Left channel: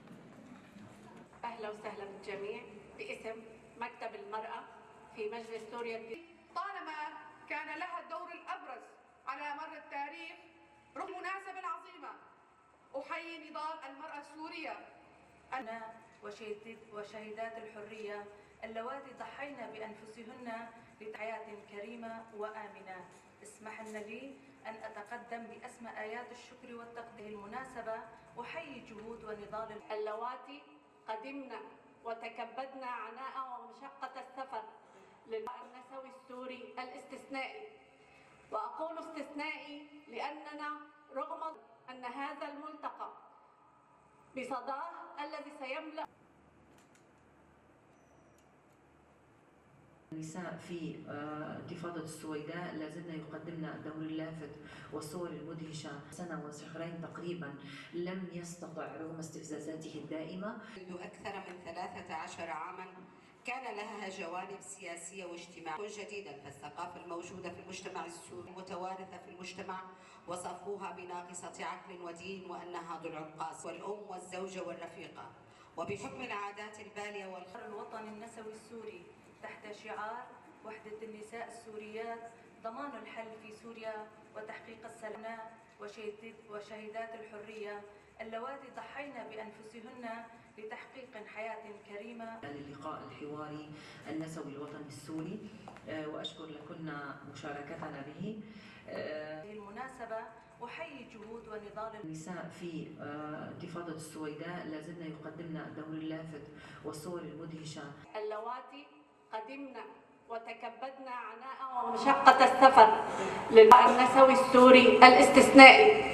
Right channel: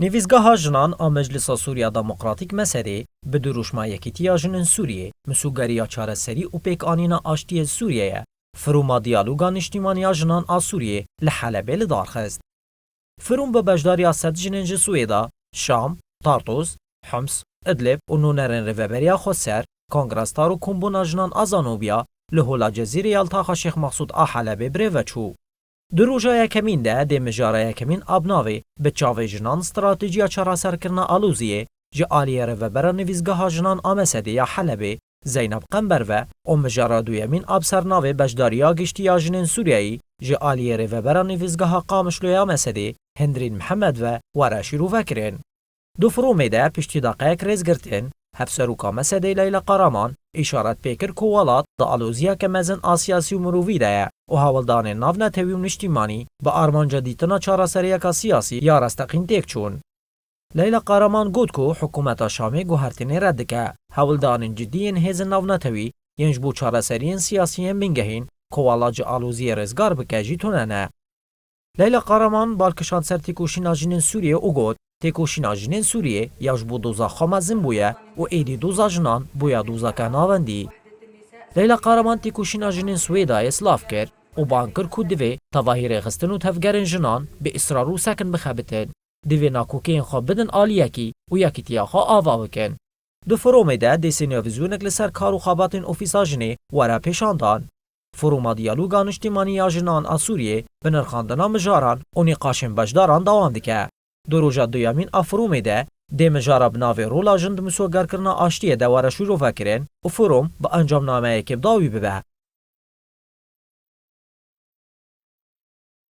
نویزگاه جنان آ مجلس سوریا دموکراتیک مسئله به دروشما یکیتیا جنن سوریه مسوگریا چاره سری و پیک آنینا آشتی سوریه فروما دیالوگا نشتیمانیا جنان آ سوریه لحلبه لدارخست فروم به بجداریا سد جنن سویدا شام طارطوس حمص ادلب و نونرن ریوبریا خسر کنگرستار و کمبونا جنان آزانوبیا لهولا جزیره یالتاخا شیخ مقصود آ حلبه بریوچو در روزای یکمین ده دمجاره یکمین آبناوی به چاوی جنان استراتژیا چرا سرکرنا آلوزیه جه آلیه رو بر نویزگاه جنان آمسده یا حلبه زینب قنبر و مجاره دویمین آبسرناوی بجداریا گشتی جنین سوریایی جه آلیه رو بر نویزگاه قامشلوی آمسده هندرین محمد و وراشی رو فکرین دو فرومی ده پشتی دقیق ریز گرتین هفسروکا مسده لیلا قرامان اشارت پیکر کوالات دا آلوزیا که مزن آسیاسی و مرووی ده و هاولدان ناو نتوی و نشتیمانی با آرمان جدیدنا چارا سریعکا سیاسی یا رستقین تیک چون. لیلا قرامان گود که حکومت شامی گوهرتینی رد که هاولدان جدیین هیزن ناو نتوی ینج بو چارا سریعن سیاسیین بینگهین کوالاج آلوزی رزگار بکجی توننه. لیلا قرامان بالکشان سر تیکوشینا جنین سوریه او گود تیکوشینا جنین سوریه یاش بو دوزا خامزن بویه و ایدی دوزا جنان بویا دوزا که ناوندی. لیلا قرامان تیکوشینا جنین سویدا اسلاف کرد و بانکر کود دوی تواهیر غستن و تفگرن جنان به اصرار و سکن بخبتن دوی ناکوکین خواب بدن آلیکی و یکی تیاخا آوا بکن. دو فرومی ده دیسینیا ویزونک لسر کارو خواباتین اوفیسا جنی ورا پیشاندان. فروما دیالوگا نشتیمانی جنان آسوریه به نرخاندنا مجاران و نقاشن بجداران دوام دیکه. دو روژا دویامین افرومی ده دی مجارا بناوی رولا جند مسوگر کرنا آشتیه دواره شروع فکرین و فروم با انجام نامه اکیب داوی ببه. السفر للنسوي السوري الاستثنائي